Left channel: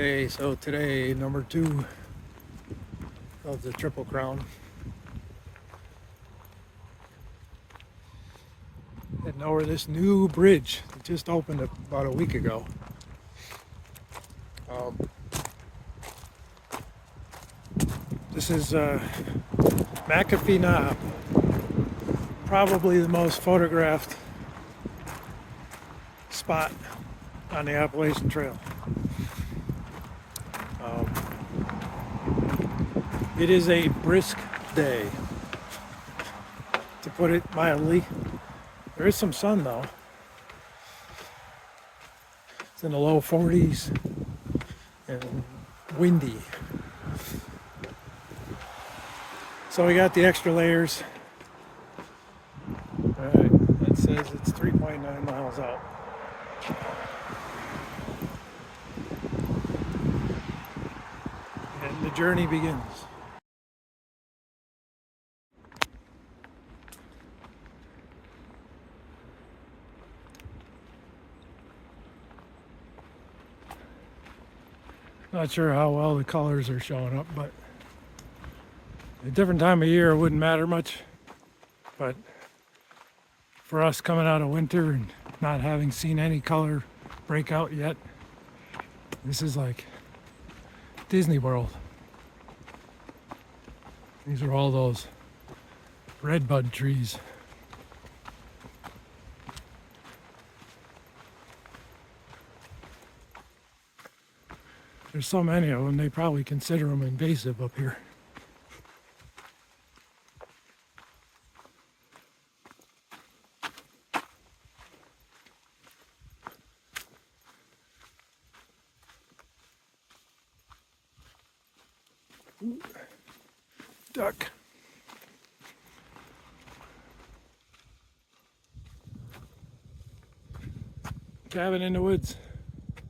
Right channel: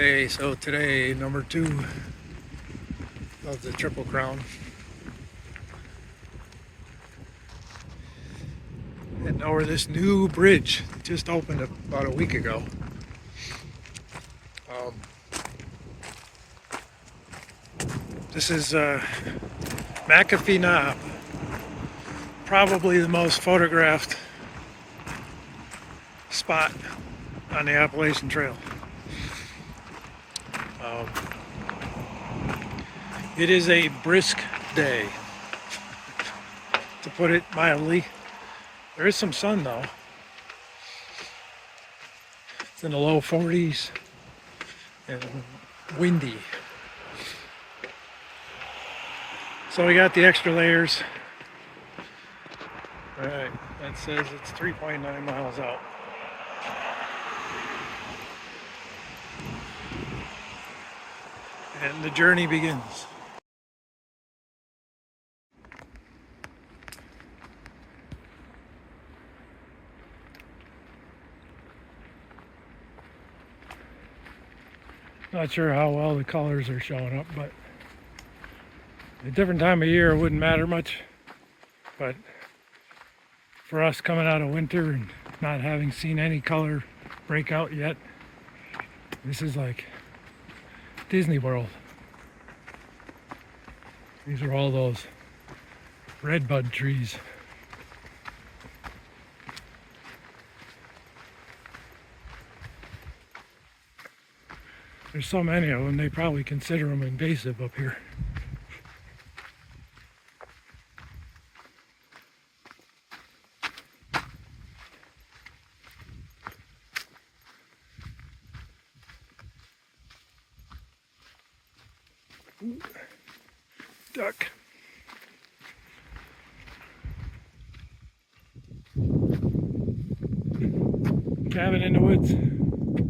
Okay, so today, number 2 of the Triple Crown. Heading over this new bridge that just opened about a week ago. This is McAfee Knob, probably the most photographed spot on the Appalachian Trail. It is a brisk day, to put it mildly. There is some sun though. It's in the low 40s and windy. So we got the extra layers. All right, that says it's 3.9 miles out. And the journey begins. Not sure how well the colors are showing up, but a different time of year it wouldn't matter much. But for us coming out of winter and not having seen any color break out yet, this is like Disney World. These are all those redbud trees. There's so many of them, they probably consider them invasive up here. Ooh, duck. Cabin in the woods.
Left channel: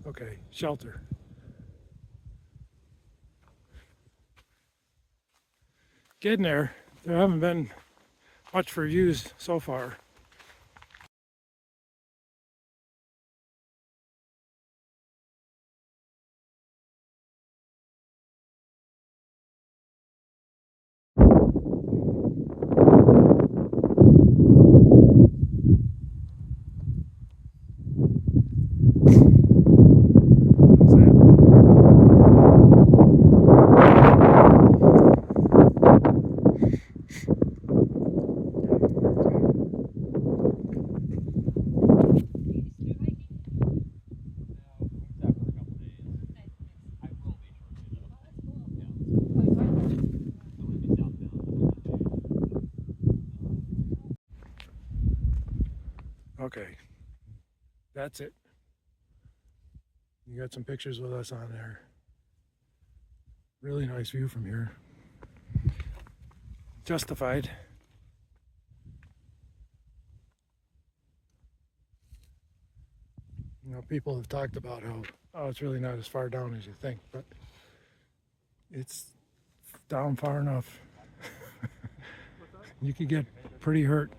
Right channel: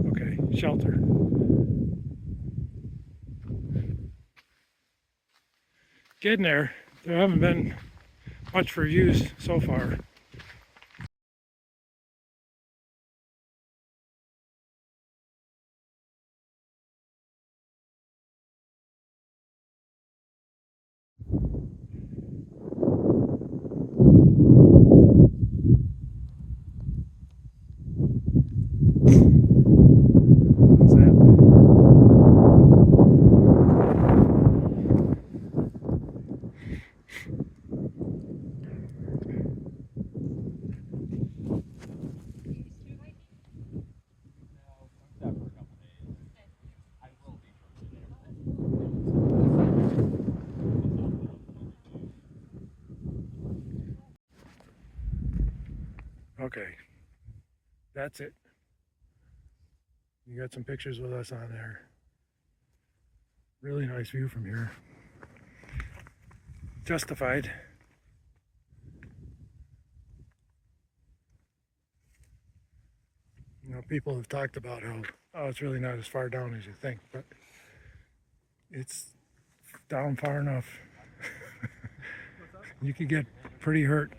Okay, shelter. Getting there. There haven't been much reviews so far. How's that? Okay, that's it. You got some pictures with us on there. Really nice view from here. Justified. You know, people have talked about how, oh, it's really not as far down as you think, but it's down far enough. You could get pretty hurt.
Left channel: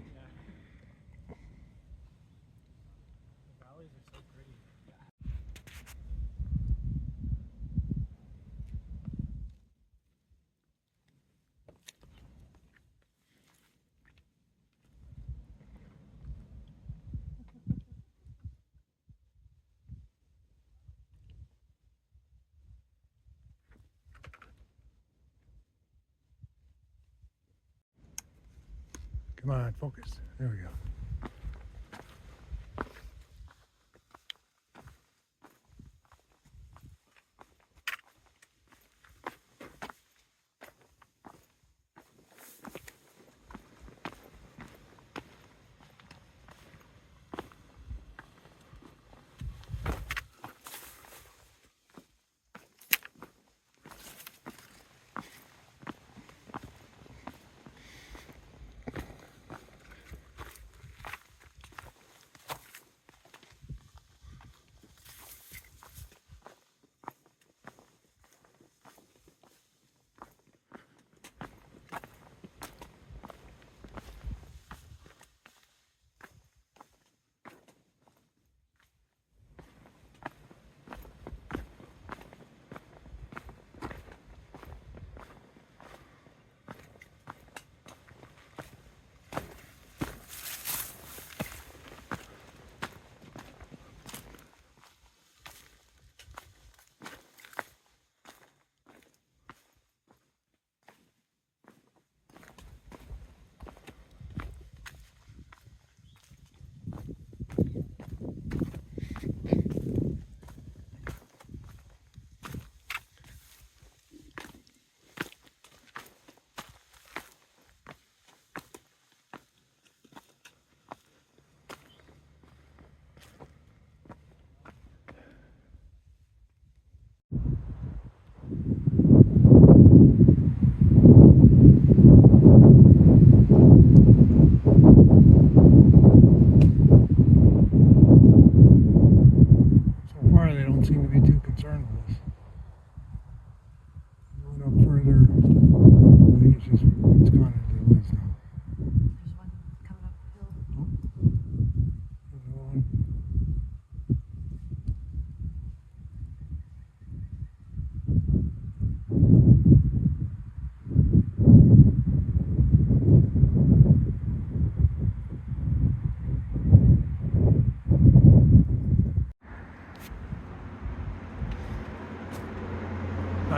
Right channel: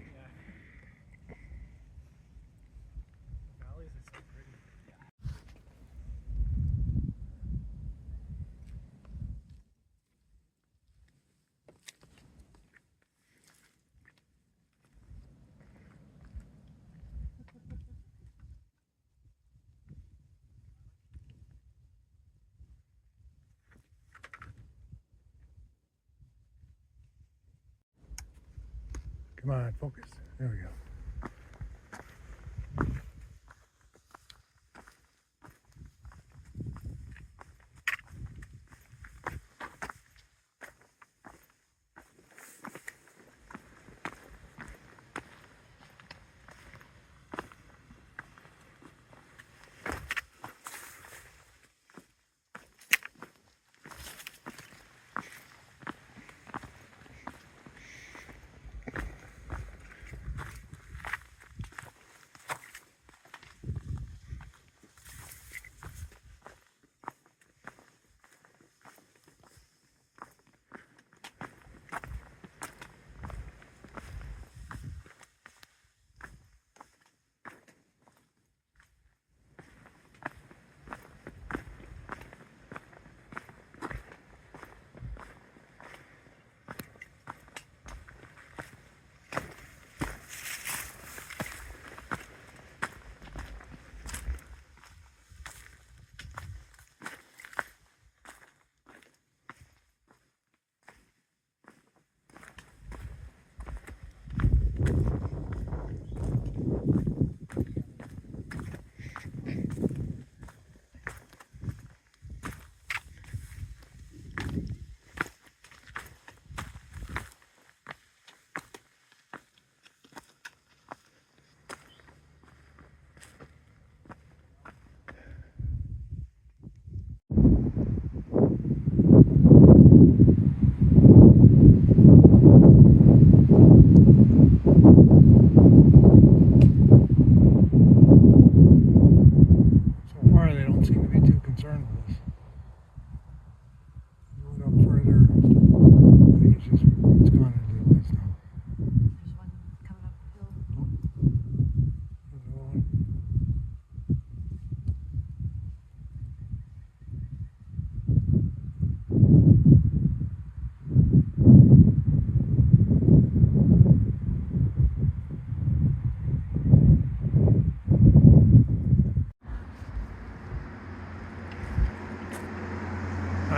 Come on, focus. There we go.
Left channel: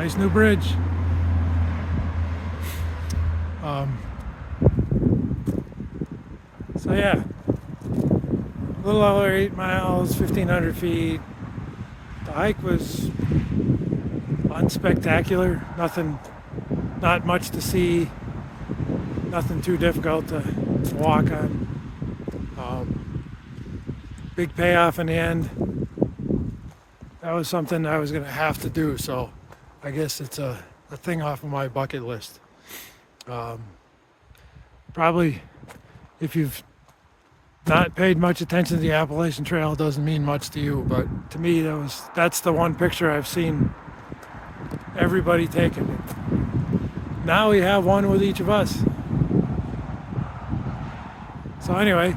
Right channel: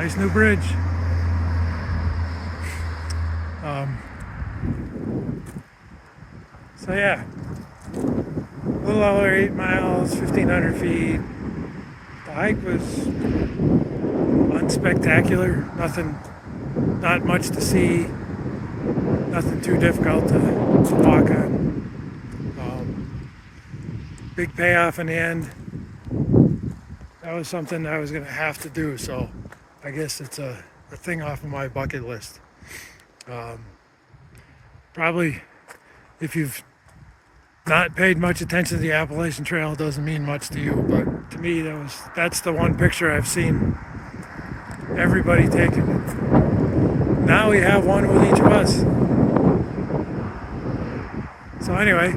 Nice new bridge. So yeah, a little over 8 miles, 1,500 feet. The hike was unspectacular. Nothing, not much to see. Nothing too difficult to walk on. Big payoff in the end. That was something I was going to have to do, so I guess it's a thing off of my bucket list. Probably, if you've not paid much attention to the Appalachian Trail, it doesn't mean much to you, but to me, that's the one picture I've seen everybody taking. Now we have one with each of us. So anyway,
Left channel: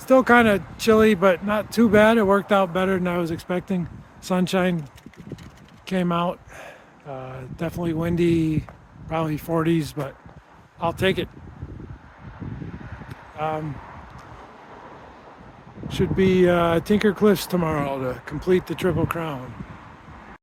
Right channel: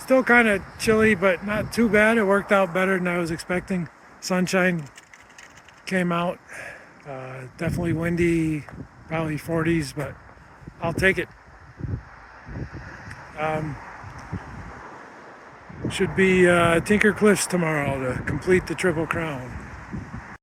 still kind of chilly, but not too bad. It worked out better than I was expecting. Sunshine came out. Definitely windy, probably 40s, but I'll take it. Should be Tinker Cliffs tomorrow to complete the Triple Crown.